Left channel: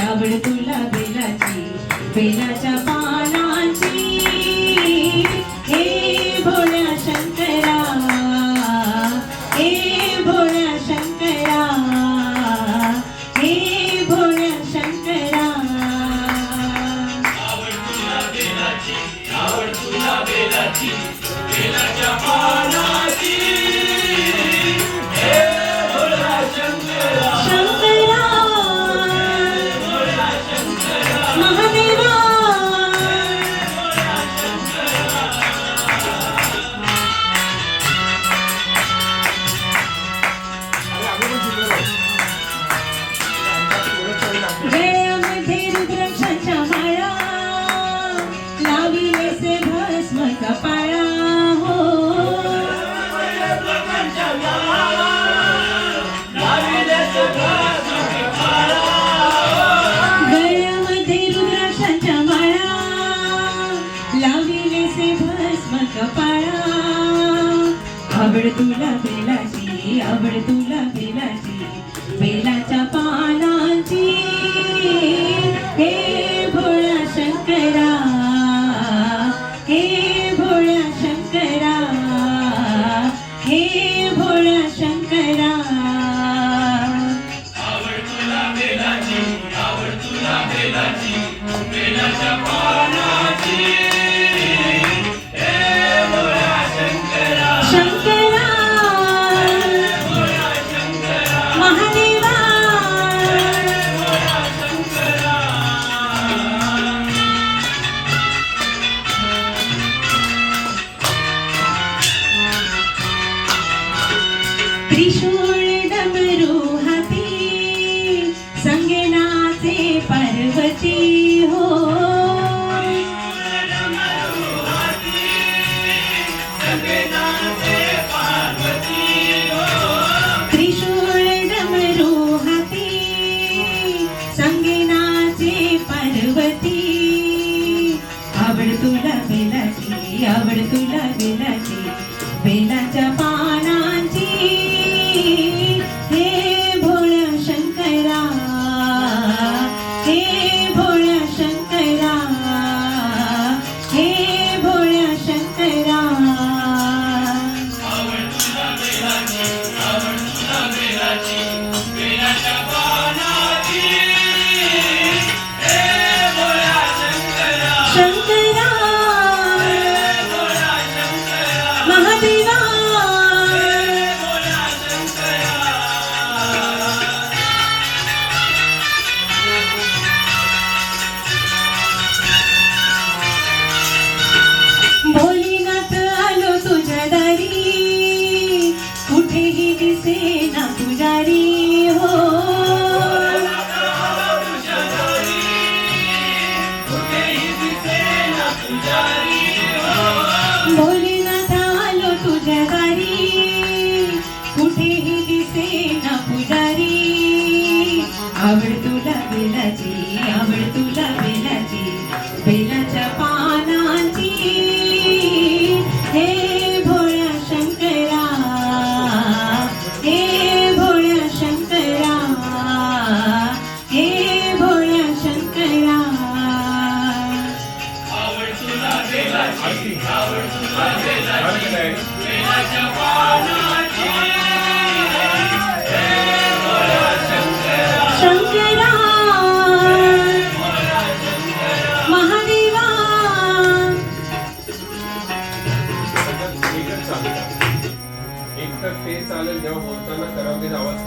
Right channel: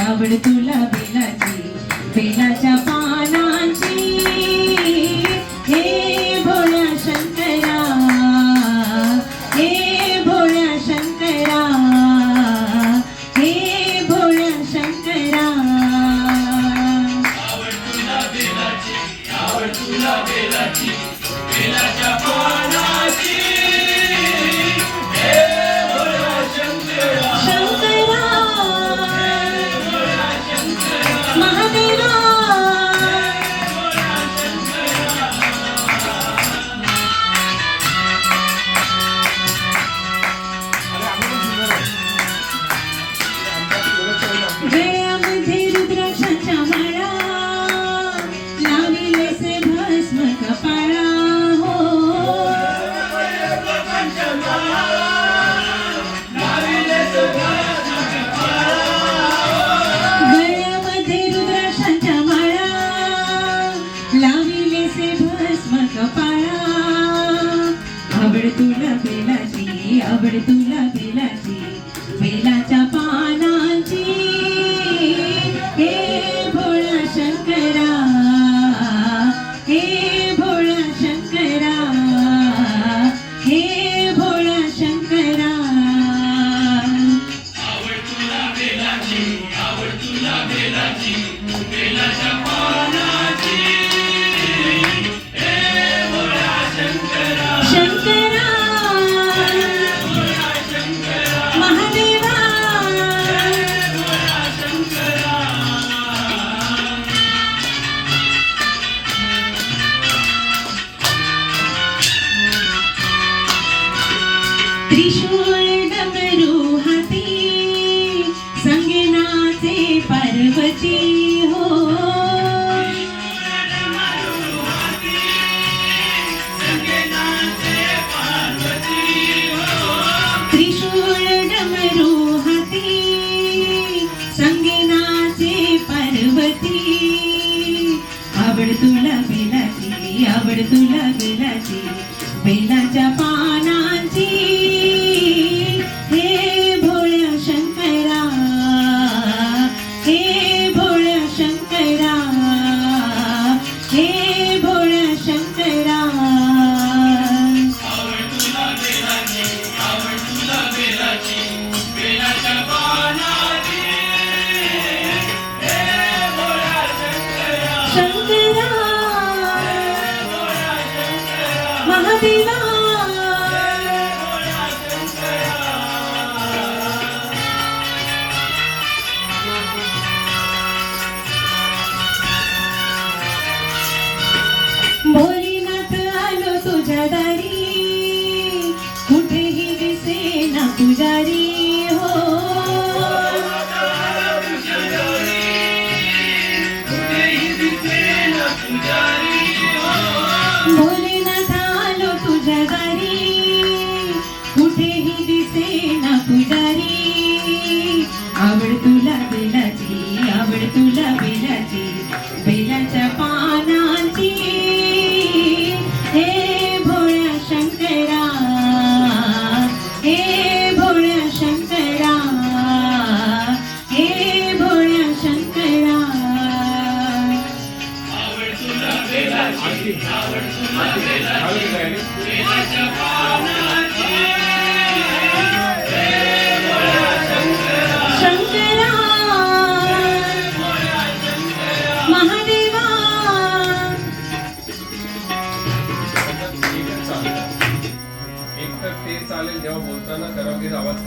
आवड तुला बेलाची, बेलाच्या पानांची, हे भोळ्या शंकरा, हे भोळ्या शंकरा, हे भोळ्या शंकरा. आवड तुला बेलाची, आवड तुला बेलाची, बेलाच्या पानाची, हे भोळ्या शंकरा. गळ्यामध्ये रुद्राक्षाच्या माळा, लाविलेसे भस्म कपाळा, हो गळ्यामध्ये रुद्राक्षाच्या माळा, लाविलेसे भस्म कपाळा. आवड तुला बेलाची, आवड तुला बेलाची, बेलाच्या पानांची, हे भोळा शंकरा, हे भोळा शंकरा, हे भोळा शंकरा. आवड तुला बेलाची, आवड तुला बेलाची, बेलाच्या पानाची, हे भोळा शंकरा. शंकरा महादेवा, त्रिशूळ डमरू हाती, संगनाचे पार्वती, हो त्रिशूळ डमरू हाती, संगनाचे पार्वती. आवड तुला बेलाची, आवड तुला बेलाची, बेलाच्या पानांची, हे भोळ्या शंकरा, हे भोळ्या शंकरा, हे भोळ्या शंकरा. आवड तुला बेलाची, आवड तुला बेलाची, बेलाच्या पानाची, हे भोळा शंकरा. शंकरा भोळा शंकरा. चालेल जेव्हा बोलताना करावगीर आवाज